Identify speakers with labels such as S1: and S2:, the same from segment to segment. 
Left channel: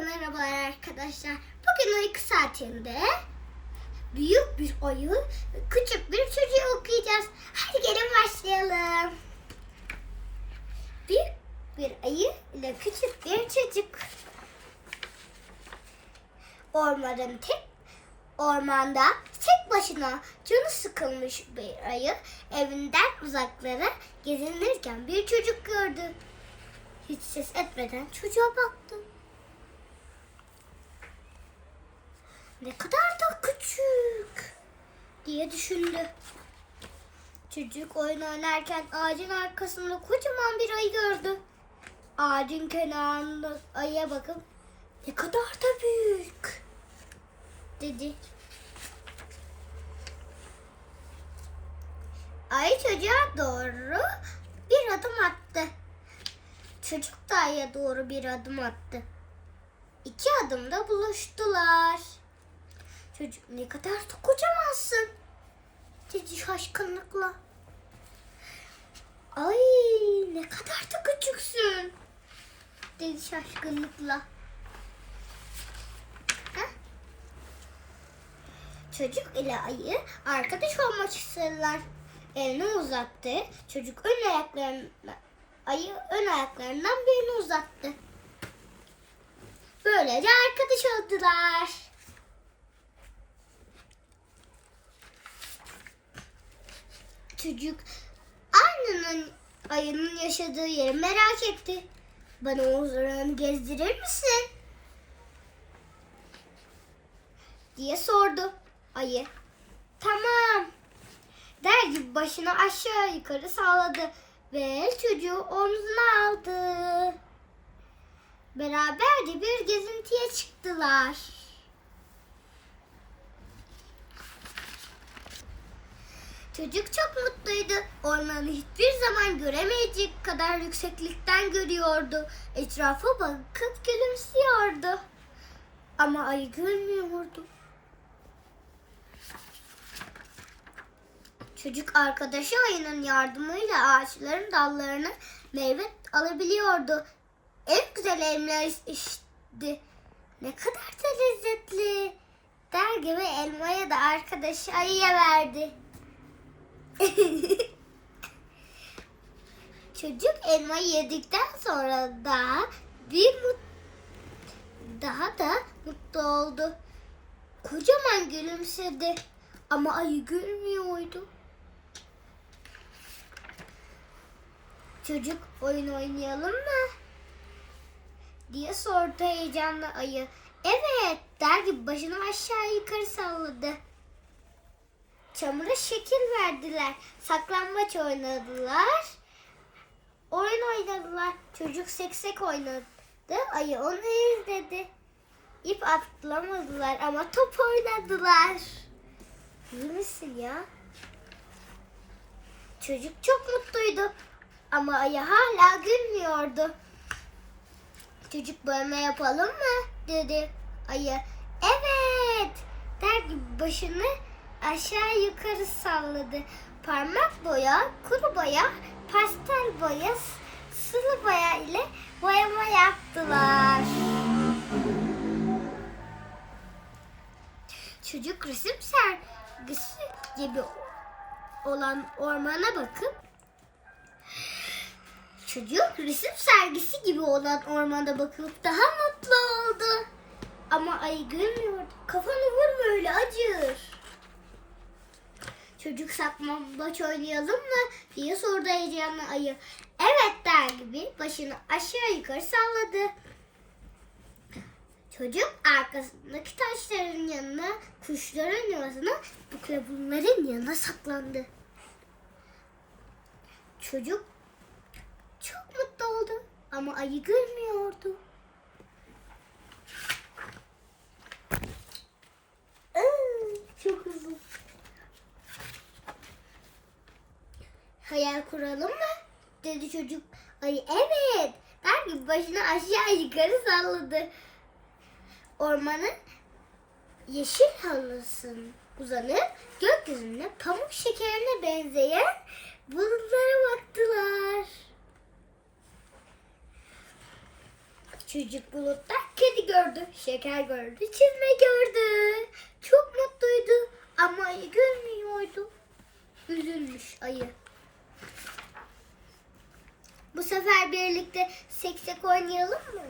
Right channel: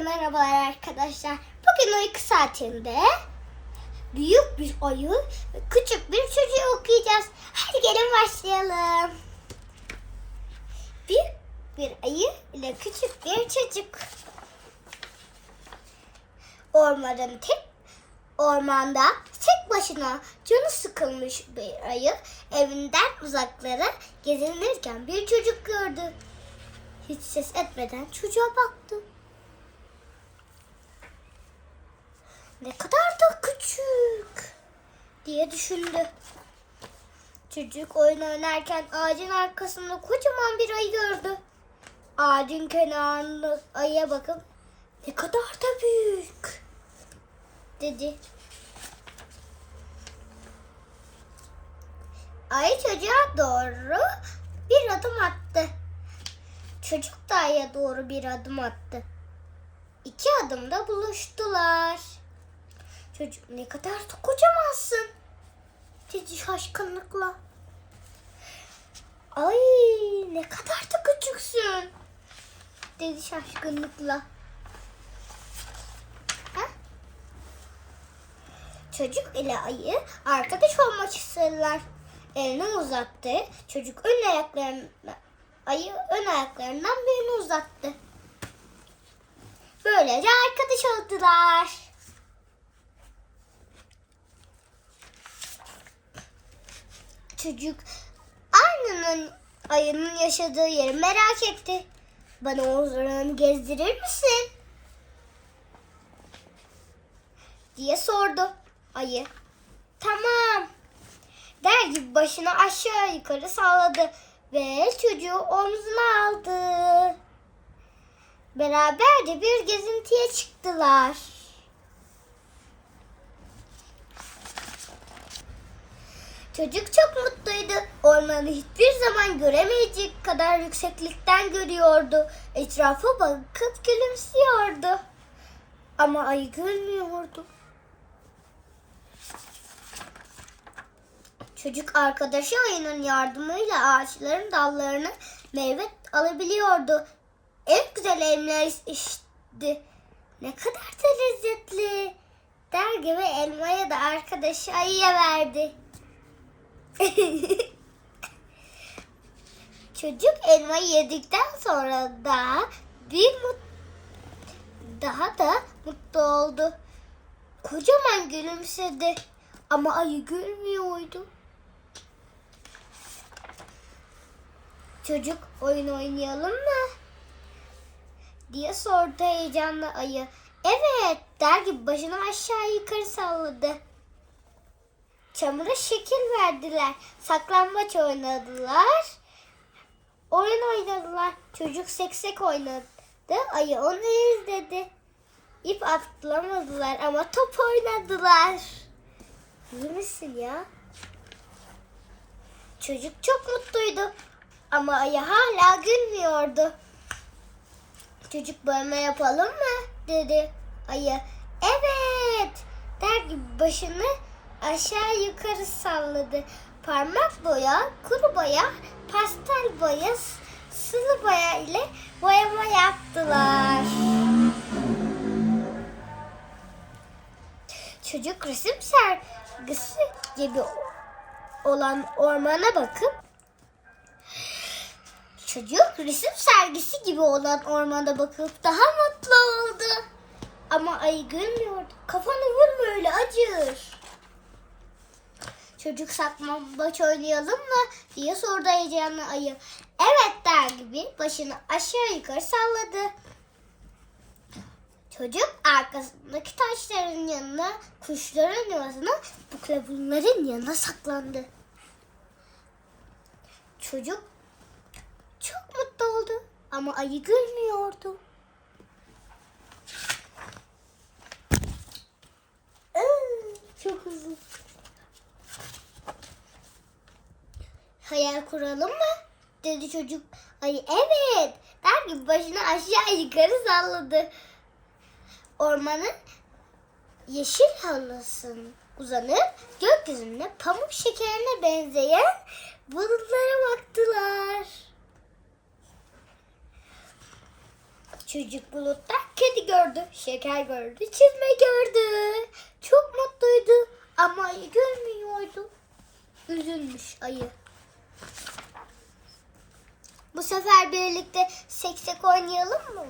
S1: merhabalar arkadaşlar. Bugün uyku saatinde büyük bir ve küçük bir çocuğu okuyacağız. Hadi gelin başlayalım. Büyük bir ayı ile küçük bir çocuk. Ormanın tek ormanda tek başına canı sıkılmış bir ayı evinden uzaklara gezinirken bir çocuk gördü. Hiç ses etmeden çocuğa baktı. Ne kadar da küçük diye düşündü. Çocuk oyun oynarken ağacın arkasında kocaman bir ayı gördü. Ağacın kenarında ayıya bakıp ne kadar da büyük dedi. Ayı çocuğa doğru bir adım attı. Çocuk da ayıya doğru bir adım attı. İki adımda buluştular. Çocuk ne kadar da kocamansın dedi şaşkınlıkla. Ay ne kadar da küçüksün dedi şaşkınlıkla. Ha? Çocuk ile ayı arkadaş olmak istediler. Elini uzattı. Çocuk ön ayaklarına ayı ön ayaklarından birini uzattı. Böylece arkadaş oldular. Çocuk ayının ayının yaşadığı yeri merak etti. Bana oranı gezdirir misin? diye sordu ayı. Tamam. Der gibi başını aşağı yukarı salladı ve çocuğu omzuna aldı. Beraberce bir gezintiye çıktılar. Çocuk çok mutluydu. Ormanı hiçbir zaman göremeyecek kadar yükseklikten görüyordu. Etrafa bakıp gülümsüyordu. Ama ayı gülmüyordu. Çocuk arkadaşı ayının yardımıyla ağaçların dallarını meyve alabiliyordu. En güzel elma içti. Ne kadar da lezzetli. Der gibi elmayı da arkadaşı ayıya verdi. Çocuk elmayı yedikten sonra daha bir mut daha da mutlu oldu. Kocaman gülümsedi ama ayı gülmüyordu. Çocuk oyun oynayalım mı? diye sordu heyecanla ayı. Evet der gibi başını aşağı yukarı salladı. Çamura şekil verdiler. Saklambaç oynadılar. Oyun oynadılar. Çocuk seksek oynadı. Ayı onu izledi. İp atlamadılar ama top oynadılar. İyi misin ya? Çocuk çok mutluydu. Ama ayı hala gülmüyordu. Çocuk bölme yapalım mı? dedi ayı. Evet der gibi başını aşağı yukarı salladı. Parmak boya, kuru boya, pastel boya, sıvı boya ile boyama yaptılar. Çocuk resim sergisi gibi olan ormana bakıp Çocuk resim sergisi gibi olan ormanda bakıp daha mutlu oldu. Ama ayı gülmüyordu. Kafanı vurma öyle acır. Çocuk saklambaç oynayalım mı diye sordu heyecanlı ayı. Evet der gibi başını aşağı yukarı salladı. Çocuk arkasındaki taşların yanına, kuşların yuvasına, bu bunların yanına saklandı. Çocuk çok mutlu oldu ama ayı gülmüyordu. Hayal kuralım mı? dedi çocuk. Ay evet. Der gibi başını aşağı yukarı salladı. Ormanın yeşil halısın uzanıp gökyüzünde pamuk şekerine benzeyen bulutlara baktılar. Çocuk bulutlar kedi gördü, şeker gördü, çizme gördü. Çok mutluydu ama ayı görmüyordu. Üzülmüş ayı. Bu sefer birlikte seksek oynayalım mı?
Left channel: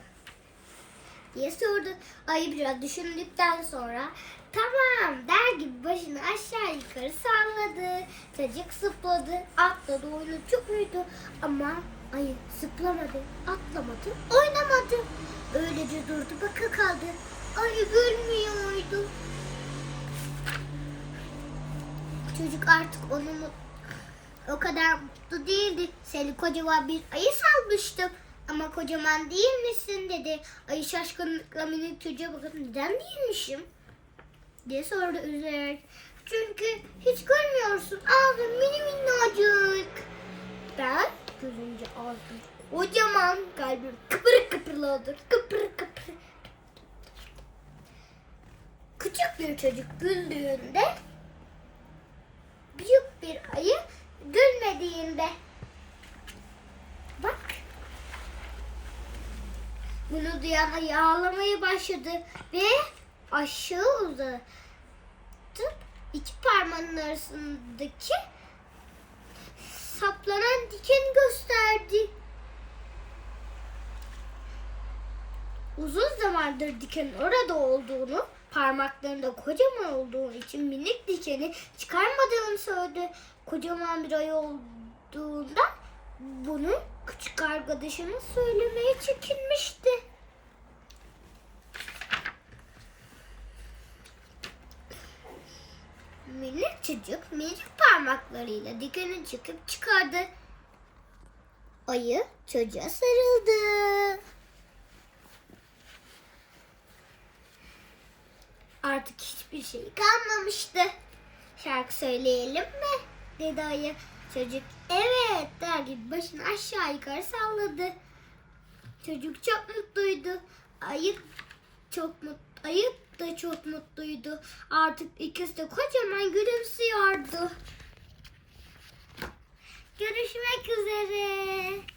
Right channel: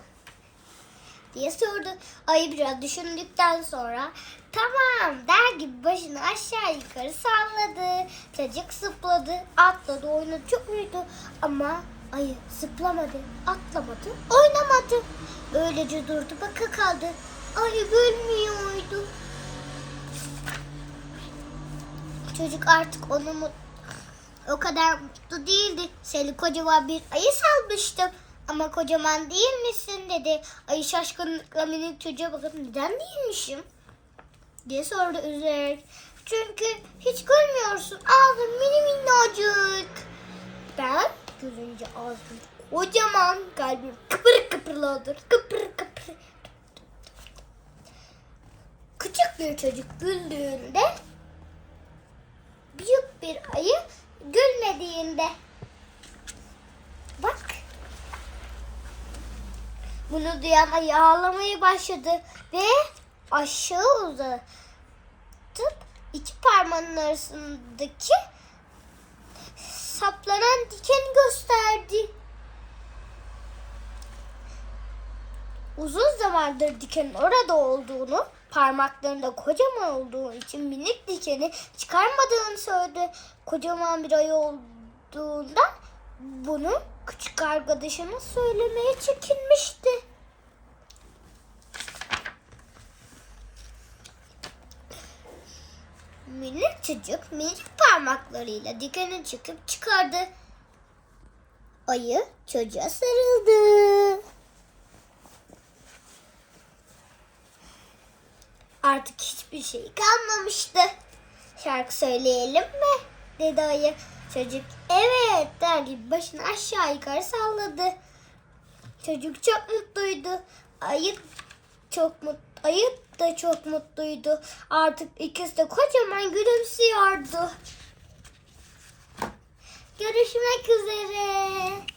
S1: diye sordu. Ayı biraz düşündükten sonra tamam der gibi başını aşağı yukarı salladı. Çocuk zıpladı, atladı, oynadı, çok uyudu. Ama ayı zıplamadı, atlamadı, oynamadı. Öylece durdu, baka kaldı. Ayı gülmüyordu. Çocuk artık onu mut- o kadar mutlu değildi. Seni kocaman bir ayı salmıştım. Ama kocaman değil misin dedi. Ayı şaşkınlıkla minik çocuğa bakıp neden değilmişim? diye sordu üzülerek. Çünkü hiç görmüyorsun. Ağzın mini minnacık. Ben gözünce ağzım kocaman kalbim kıpır kıpırladır. Kıpır kıpır. Küçük bir çocuk güldüğünde büyük bir ayı Bunu duyan ağlamaya başladı ve aşağı uzatıp iki parmağının arasındaki saplanan dikeni gösterdi. Uzun zamandır dikenin orada olduğunu, parmaklarında kocaman olduğu için minik dikeni çıkarmadığını söyledi. Kocaman bir ayı olduğundan bunu küçük arkadaşına söylemeye çekinmişti. Minik çocuk minik parmaklarıyla dikeni çıkıp çıkardı. Ayı çocuğa sarıldı. Artık hiçbir şey kalmamıştı. Şarkı söyleyelim mi? dedi ayı. Çocuk evet der gibi başını aşağı yukarı salladı. Çocuk çok mutluydu. Ayı çok mut ayı da çok mutluydu. Artık ikisi de kocaman gülümsüyordu. Görüşmek üzere.